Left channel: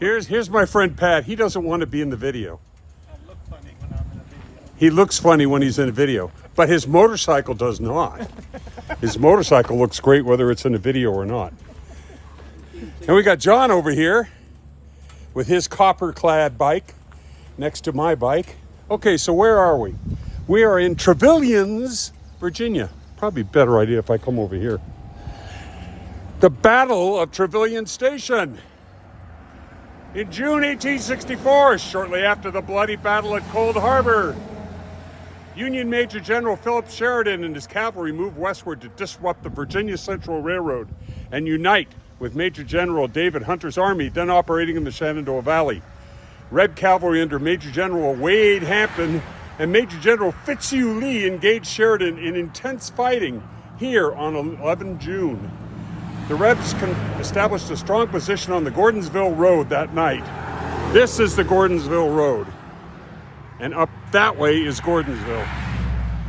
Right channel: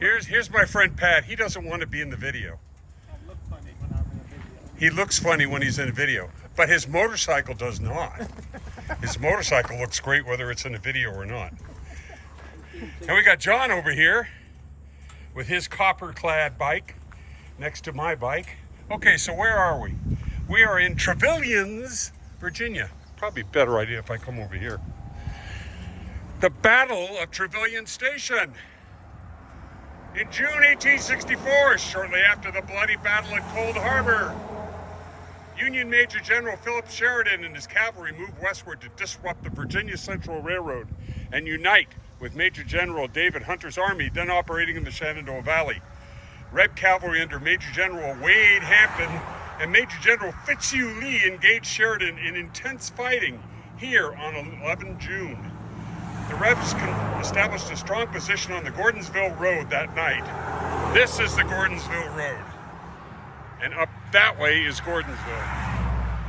Here's my friend Pat. He doesn't want to be in the video. I look funny when I'm in a video. He looks funny when he's in a video, but his motorcycle does not. His motorcycle looks great whether it's in a video or not. And we got John over here with his copper-clad bike next to my bike. Okay, so where are we? We are in Trevilians, Virginia. Probably a better idea if I come over here. The Battle of Trevilian Station. In June 1864, shortly after the bloody battle at Cold Harbor, Union Major General Philip Sheridan and his cavalry moved westward to disrupt the Virginia Central Railroad and unite with Major General David Hunter's army, then operating in the Shenandoah Valley. Red cavalry under Major General Wade Hampton and Major General Fitzhugh Lee engaged Sheridan in intense fighting here on 11 June. The Rebs established a strong position on the Gordonsville Road that night. This is the Gordonsville Road. And up that way is Gordonsville.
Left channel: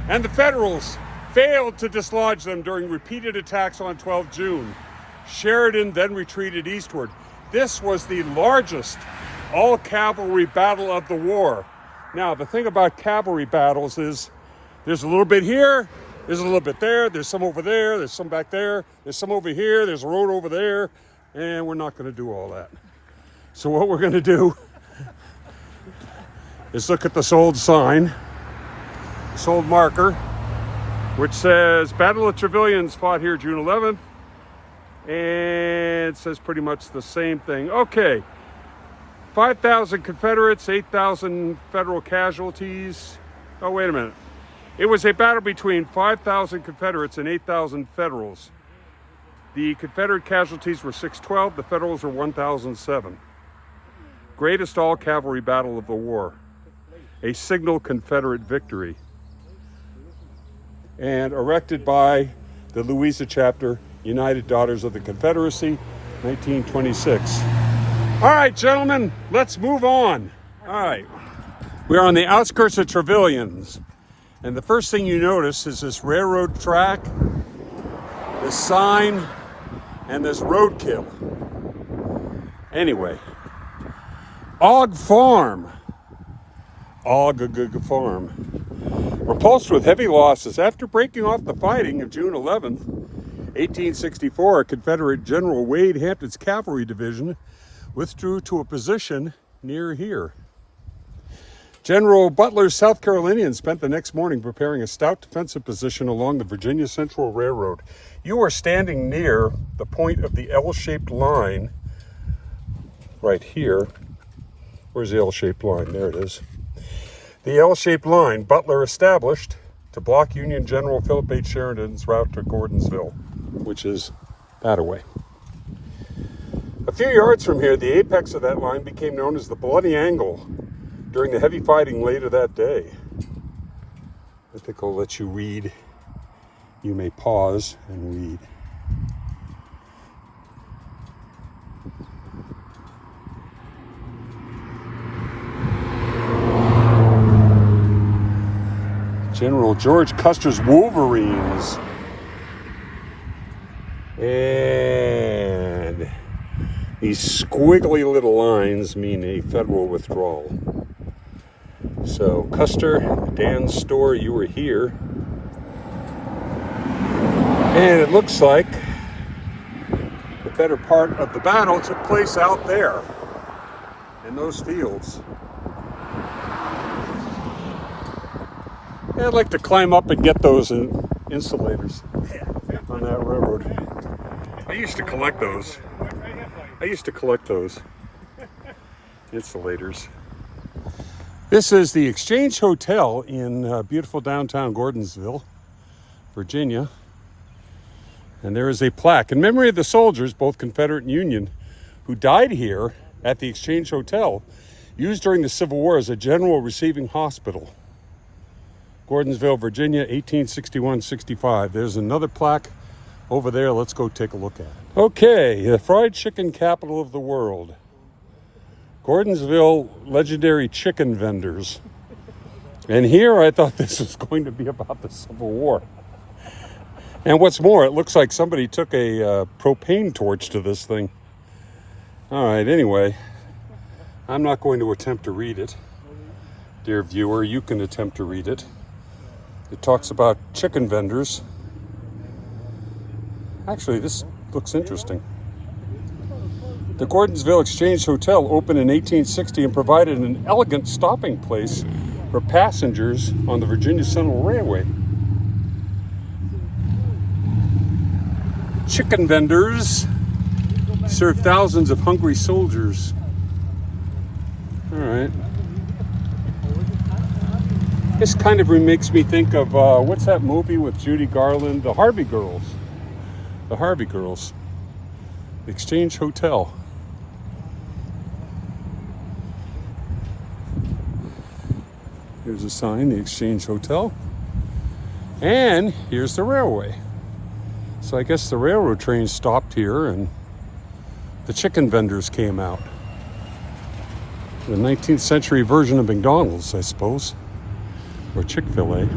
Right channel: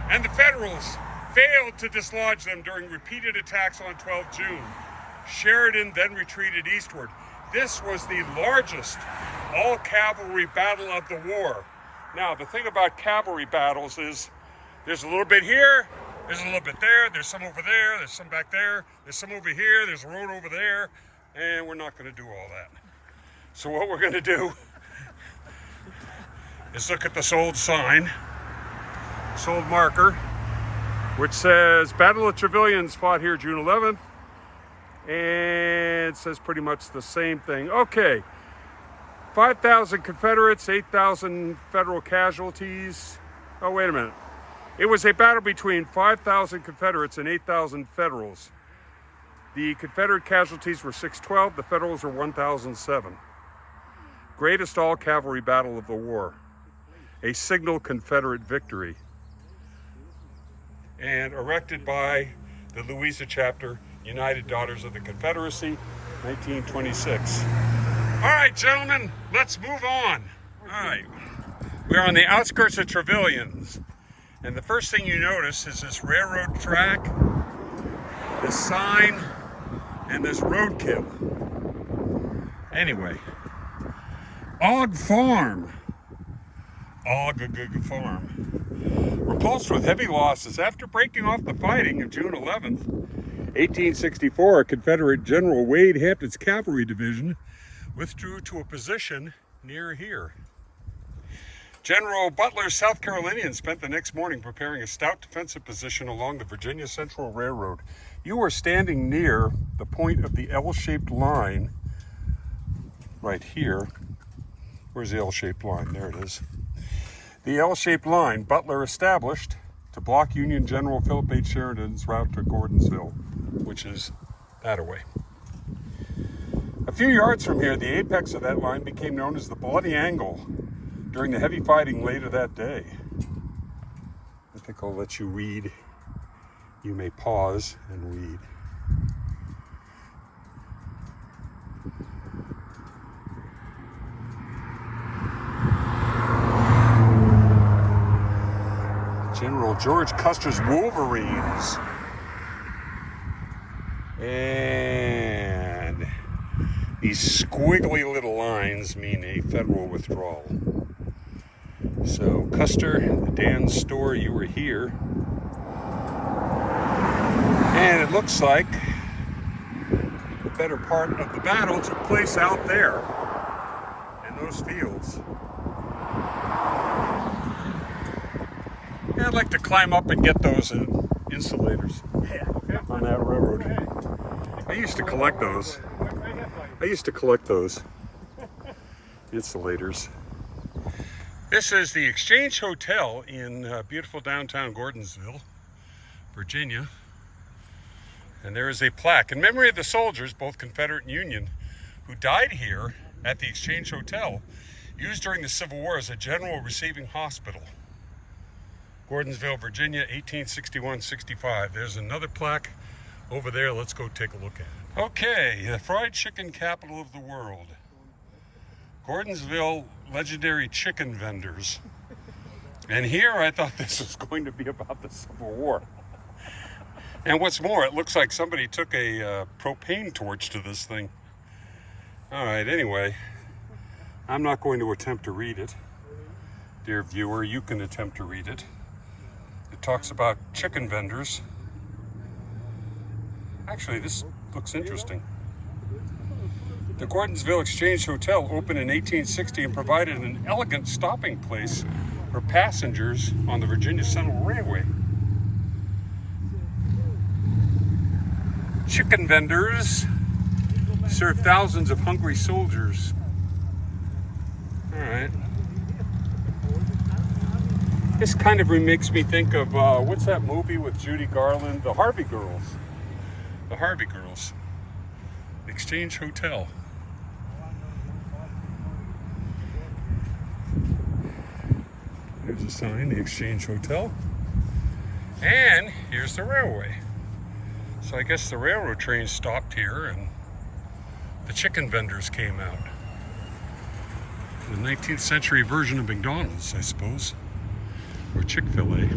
And the Federals failed to dislodge them during repeated attacks on 12 June. Sheridan then retreated eastward. This was the largest all-cavalry battle of the war. Now, the thing about cavalry battles is there's a little bit here, there's a little bit there, there's some over there, there's some back there, there's some over here, there's a road over there, and we're not going to do all that. So what we're going to do is look at this old sign, this old marker, which says Battle of Trevilians fought here June 11th, and it says pretty much the same thing. Okay, 5,000 Confederates, 8,000 Federal casualties. Oh, wait a minute. It was a battle between 5,000 Confederates and 8,000 Federals. The Confederate casualties were 612, the Federals were 1,007. Greatest all-cavalry battle of the war. A signal Confederate victory. And erected by the Louisa Chapter, United Daughters of the Confederacy, 1926. All right, gentlemen, let's move on. All right, we're on the outskirts of Trevilians. And the first thing you notice is this railroad track, this sign, and this roadkill. Anyway, Og Farm. Og Farm. Repulsed with heavy losses after breaking off the fighting of June 11th, 1864, Confederate General Wade Hampton's cavalry division withdrew to a position near here. General Butler's South Carolinians spent the next morning preparing a stout defensive position along the Virginia Central Railroad. You are standing near the point of the L-shaped line right here. Where's the L-shaped line? There it is. The L-shaped line Butler established to block Union General Philip H. Sheridan's route to Gordonsville, which is that away. A few yards from here, the apex of that line became known as the Bloody Angle during the heavy fighting later that day. I think I'll let you read. You may pause and read. General George Custer's Wolverines. And these squiggly little lines mean a Federal withdrawal. So, Custer, Dan's store, you were here. And it looks like the better part of the battle took place out there in those fields. Yeah, I'd like to climb up and get those insulators on that railroad. I used to collect those. Insulators. This is the Exchange Hotel in beautiful downtown Gordonsville, Virginia. And there is a plaque in memory of the soldiers, both Confederate and Union, who died here at the Exchange Hotel, used during the Civil War as a general receiving hospital. Gordonsville, Virginia, 1861-65. There's another plaque over there. Let's go take a look at it. Okay, the fried chicken capital of the world. Gordonsville legendary chicken vendors. And here I thought this was going to be about the Civil War. And what's more, it looks like somebody took a propane torch to this thing. All right, anyway, I'm not going to attempt to read it. Dear viewer, you can attempt to read it. It talks about chicken vendors. Actually, this looks interesting. The Gordonsville Exchange Hotel opened in 1860 and provided an elegant stopping place for passengers on the Virginia Central Railway. Chicken vendors serve thousands of hungry soldiers. All right. This kind of makes me think of, what's that movie with Judy Garland? The Harvey Girls. The Harvey Girls. Exchange Hotel. Here's a sign, the Exchange Hotel. And here's the railway. So I guess the railroad train stopped here and the chicken vendors came out. The 19th century version of McDonald's, I suppose. Or Chick-fil-A.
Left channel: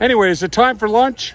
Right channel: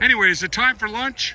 Anyway, is it time for lunch?